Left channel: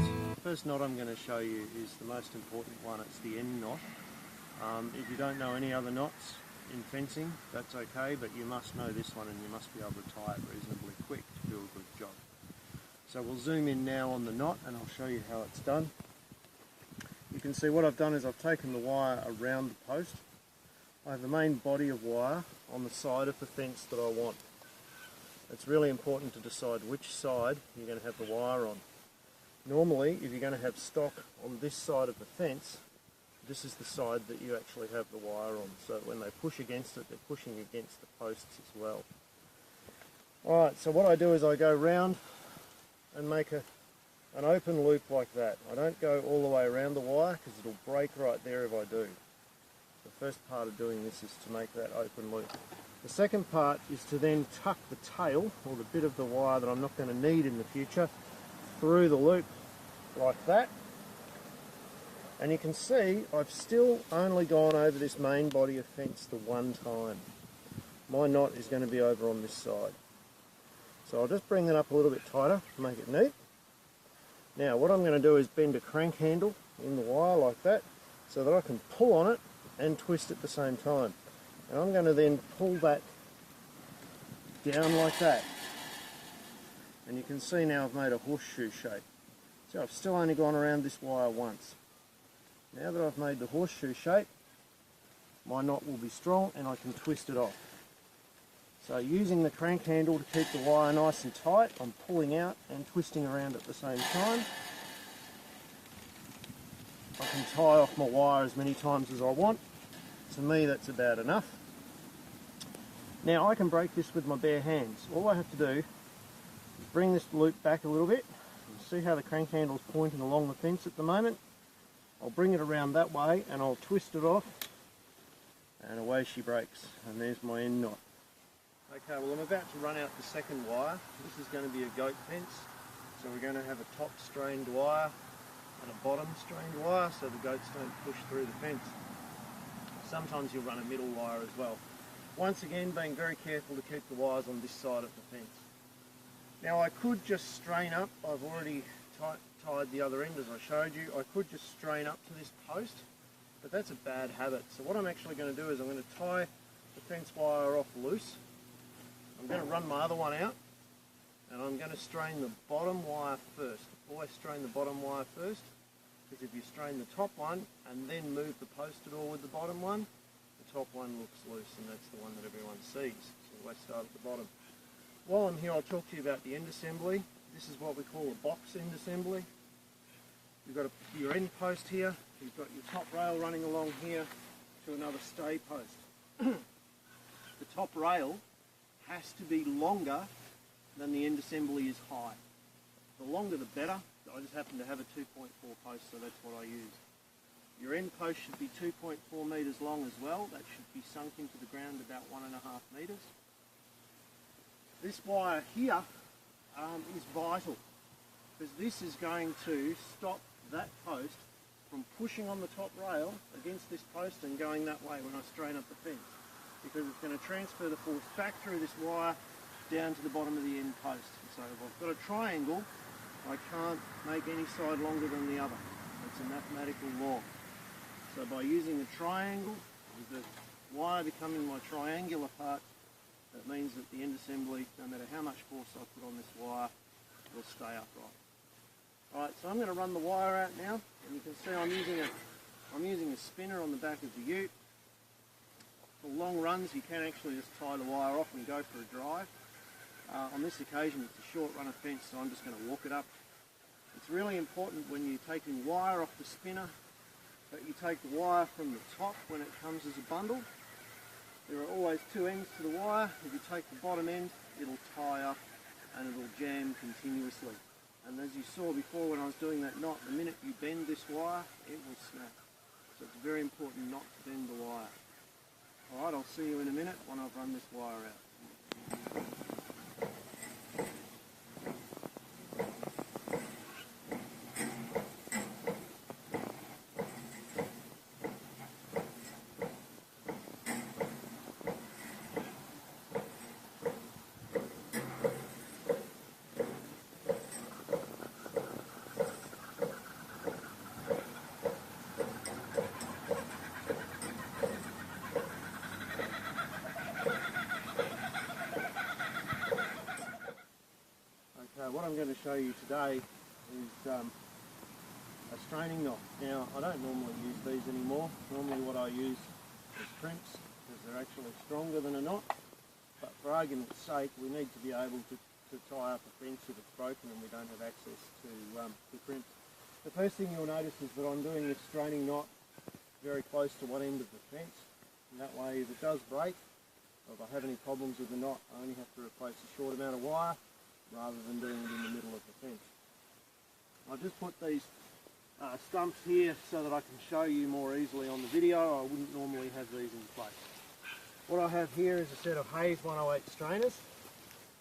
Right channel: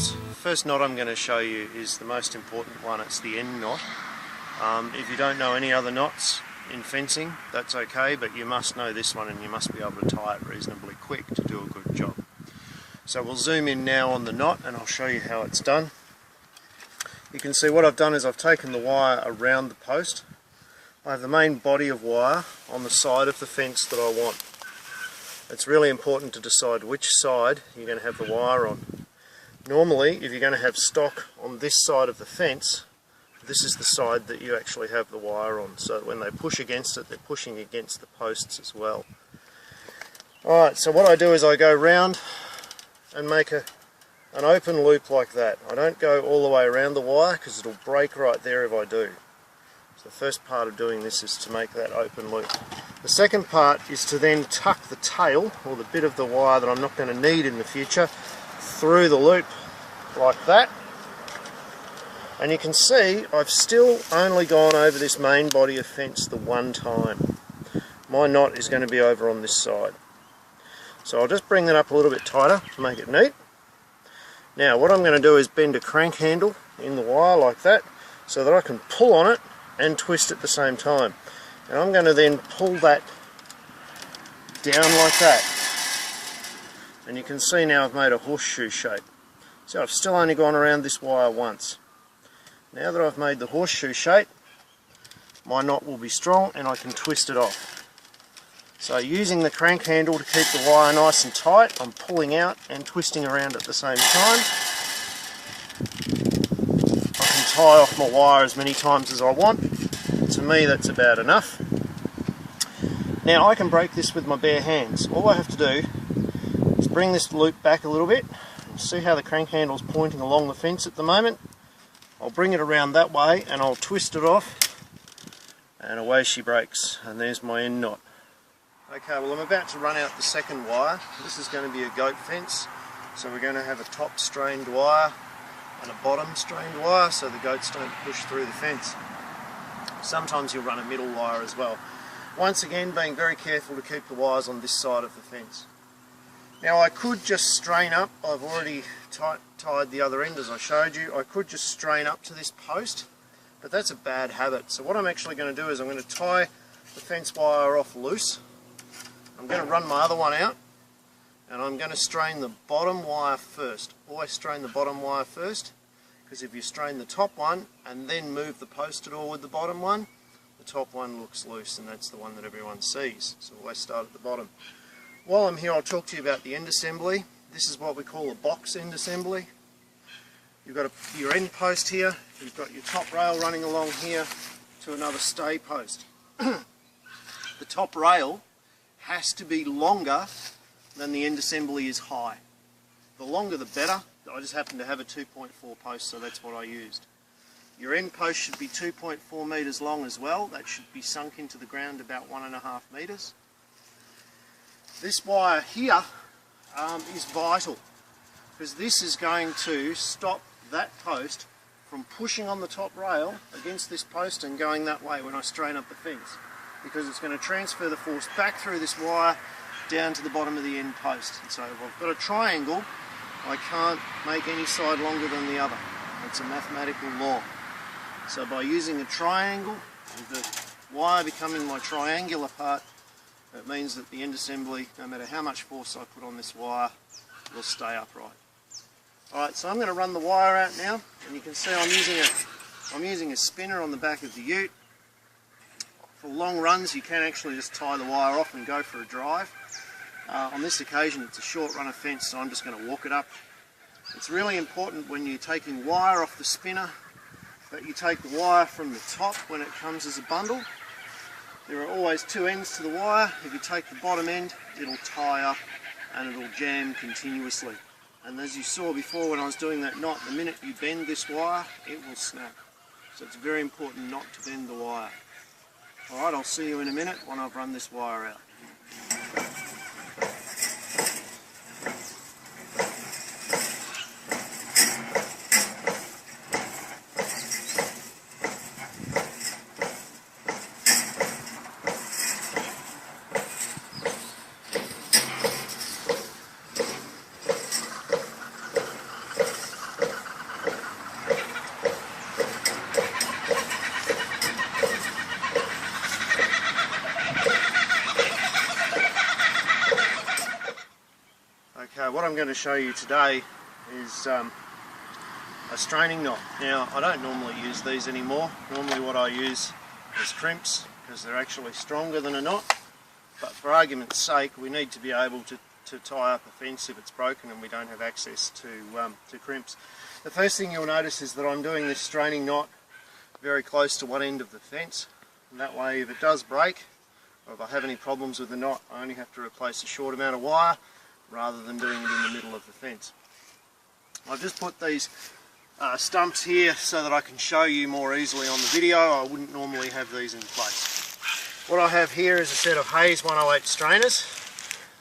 guys, first knot I'm going to show you is the most important one. It's the end knot. If you don't know any other knots in fencing, that's okay, but you must know this one and you must be able to tie it reasonably quick to do a good job. So we'll zoom in now on the knot and I'll show you how it's done. You can see what I've done is I've taken the wire around the post. I have the main body of wire on the side of the fence that I want. It's really important to decide which side you're going to have the wire on. Normally, if you're going to have stock on this side of the fence, this is the side that you actually have the wire on. So when they push against it, they're pushing against the posts as well. Alright, so what I do is I go round and make an open loop like that. I don't go all the way around the wire because it'll break right there if I do. So the first part of doing this is to make that open loop. The second part is to then tuck the tail, or the bit of the wire that I'm not going to need in the future, through the loop like that. And you can see I've still only gone over this main body of fence the one time. My knot is going to be over on this side. So I'll just bring that up a little bit tighter to make it neat. Now what I'm going to do is bend a crank handle in the wire like that so that I can pull on it and twist at the same time. And I'm going to then pull that down like that. And you can see now I've made a horseshoe shape. So I've still only gone around this wire once. Now that I've made the horseshoe shape, my knot will be strong and I can twist it off. So using the crank handle to keep the wire nice and tight, I'm pulling out and twisting around at the same time. I can tie off my wire as many times as I want. To me that's about enough. Now I can break this with my bare hands. All I have to do is bring this loop back a little bit. See how the crank handle is pointing along the fence at the moment? I'll bring it around that way and I'll twist it off and away she breaks, and there's my end knot. Okay, well I'm about to run out the second wire. This is going to be a goat fence, so we're going to have a top strained wire and a bottom strained wire so the goats don't push through the fence. Sometimes you'll run a middle wire as well. Once again, being very careful to keep the wires on this side of the fence. Now I could just strain up. I've already tied the other end as I showed you. I could just strain up to this post, but that's a bad habit. So what I'm actually going to do is I'm going to tie the fence wire off loose. I'm going to run my other one out and I'm going to strain the bottom wire first. Always strain the bottom wire first, because if you strain the top one and then move the post at all with the bottom one, the top one looks loose and that's the one that everyone sees. So always start at the bottom. While I'm here, I'll talk to you about the end assembly. This is what we call a box end assembly. You've got your end post here, you've got your top rail running along here to another stay post. The top rail has to be longer than the end assembly is high. The longer the better. I just happen to have a 2.4 post, so that's what I used. Your end post should be 2.4 metres long as well. That should be sunk into the ground about 1.5 metres. This wire here is vital, because this is going to stop that post from pushing on the top rail against this post and going that way when I strain up the fence, because it's going to transfer the force back through this wire down to the bottom of the end post. And so if I've got a triangle, I can't make any side longer than the other. It's a mathematical law. So by using a triangle, with the wire becoming my triangular part, it means that the end assembly, no matter how much force I put on this wire, will stay upright. Alright, so I'm going to run the wire out now, and you can see I'm using a spinner on the back of the ute. For long runs you can actually just tie the wire off and go for a drive. On this occasion it's a short run of fence, so I'm just going to walk it up. It's really important when you're taking wire off the spinner that you take the wire from the top when it comes as a bundle. There are always two ends to the wire. If you take the bottom end, it'll tie up and it'll jam continuously. And as you saw before when I was doing that knot, the minute you bend this wire, it will snap. So it's very important not to bend the wire. Alright, I'll see you in a minute when I've run this wire out. So what I'm going to show you today is a straining knot. Now I don't normally use these anymore. Normally what I use is crimps because they're actually stronger than a knot, but for argument's sake we need to be able to tie up a fence if it's broken and we don't have access to crimps. The first thing you'll notice is that I'm doing this straining knot very close to one end of the fence, and that way if it does break or if I have any problems with the knot I only have to replace a short amount of wire rather than doing it in the middle of the fence. I've just put these stumps here so that I can show you more easily on the video. I wouldn't normally have these in place. What I have here is a set of Hayes 108 strainers.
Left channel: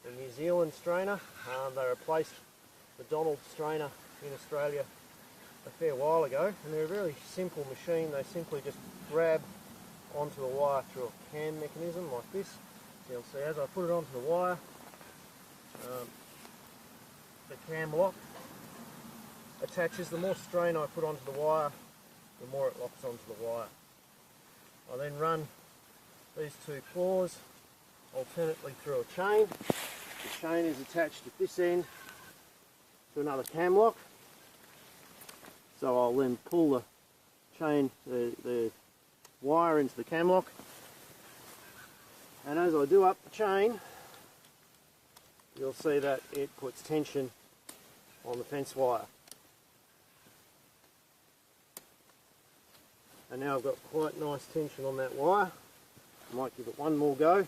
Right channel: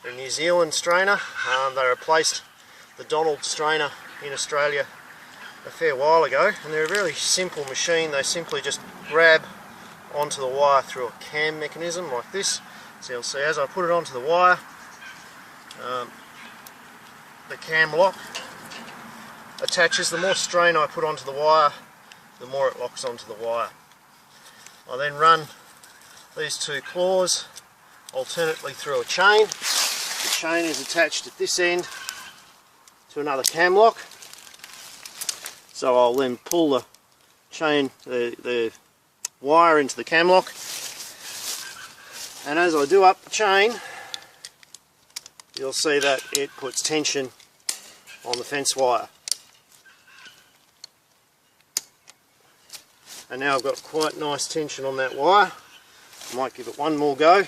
They're a New Zealand strainer. They replaced the Donald strainer in Australia a fair while ago, and they're a really simple machine. They simply just grab onto the wire through a cam mechanism like this. So you'll see as I put it onto the wire, the cam lock attaches. The more strain I put onto the wire, the more it locks onto the wire. I then run these two claws alternately through a chain. The chain is attached at this end to another cam lock. So I'll then pull the chain, the wire into the cam lock, and as I do up the chain you'll see that it puts tension on the fence wire. And now I've got quite nice tension on that wire. I might give it one more go.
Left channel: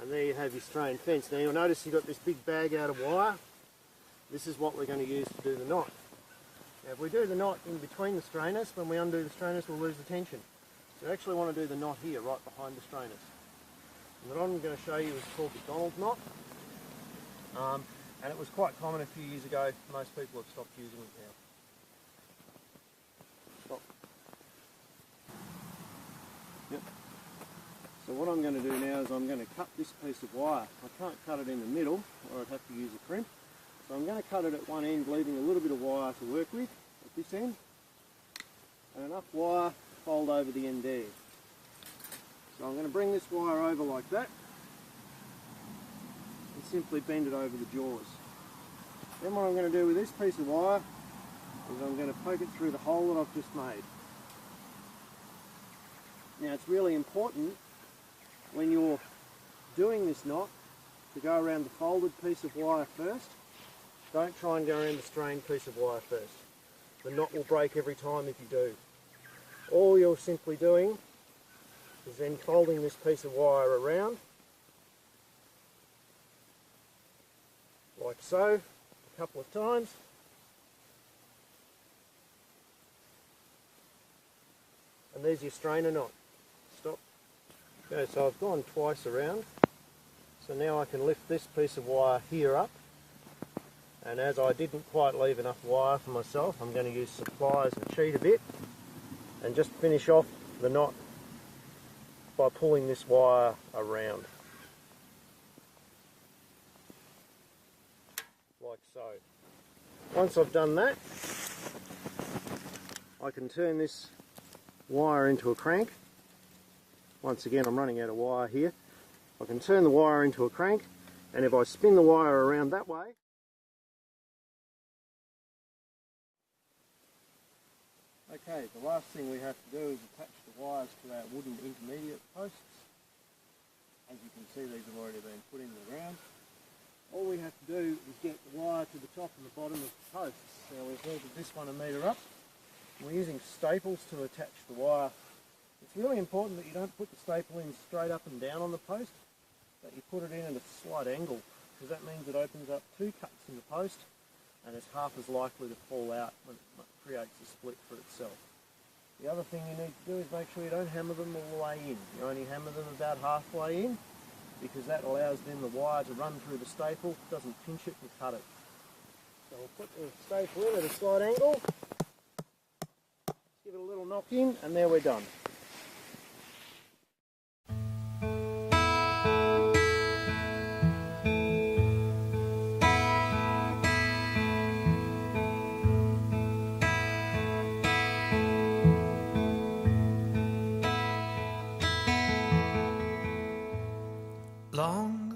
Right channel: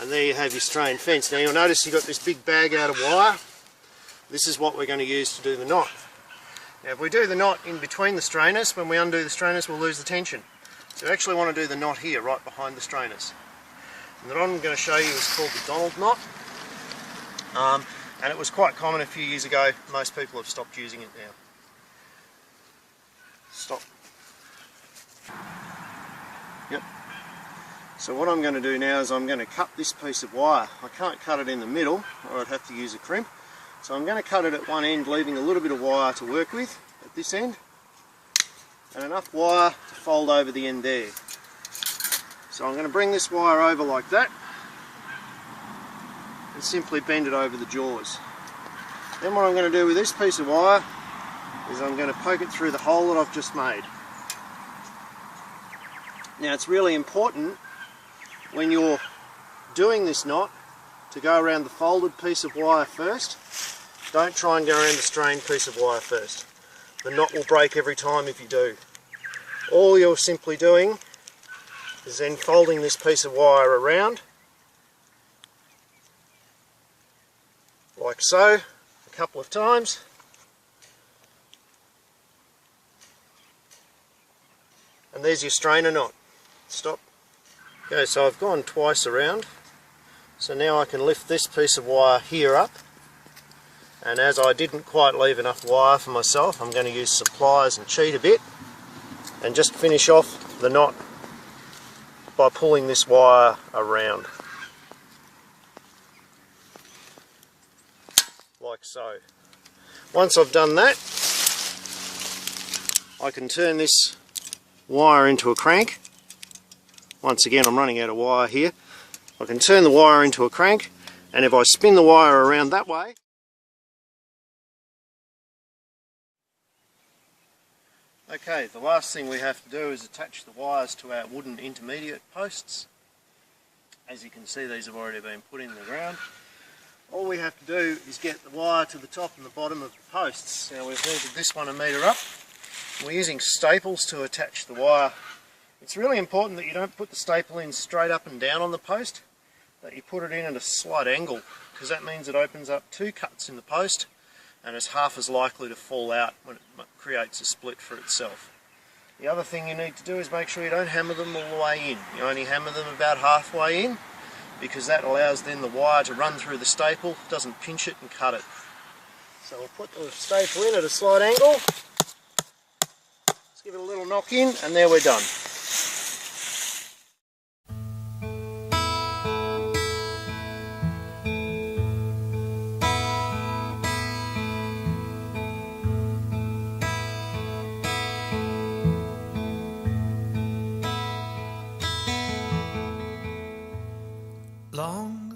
And there you have your strained fence. Now you'll notice you've got this big bag out of wire. This is what we're going to use to do the knot. Now if we do the knot in between the strainers, when we undo the strainers we'll lose the tension. So we actually want to do the knot here, right behind the strainers. And the knot I'm going to show you is called the Donald knot. And it was quite common a few years ago. Most people have stopped using it now. Stop. Yep. So what I'm going to do now is I'm going to cut this piece of wire. I can't cut it in the middle or I'd have to use a crimp. So I'm going to cut it at one end, leaving a little bit of wire to work with at this end, and enough wire to fold over the end there. So I'm going to bring this wire over like that and simply bend it over the jaws. Then what I'm going to do with this piece of wire is I'm going to poke it through the hole that I've just made. Now it's really important when you're doing this knot to go around the folded piece of wire first. Don't try and go around the strained piece of wire first. The knot will break every time if you do. All you're simply doing is then folding this piece of wire around like so a couple of times. And there's your strainer knot. Stop. Okay, so I've gone twice around. So now I can lift this piece of wire here up. And as I didn't quite leave enough wire for myself, I'm going to use some pliers and cheat a bit and just finish off the knot by pulling this wire around. Like so. Once I've done that, I can turn this wire into a crank. Once again I'm running out of wire here. I can turn the wire into a crank, and if I spin the wire around that way, okay, the last thing we have to do is attach the wires to our wooden intermediate posts. As you can see, these have already been put in the ground. All we have to do is get the wire to the top and the bottom of the posts. Now we've measured this one a metre up. We're using staples to attach the wire. It's really important that you don't put the staple in straight up and down on the post, that you put it in at a slight angle, because that means it opens up two cuts in the post and is half as likely to fall out when it creates a split for itself. The other thing you need to do is make sure you don't hammer them all the way in. You only hammer them about halfway in, because that allows then the wire to run through the staple, doesn't pinch it and cut it. So we'll put the staple in at a slight angle, let's give it a little knock in, and there we're done. Long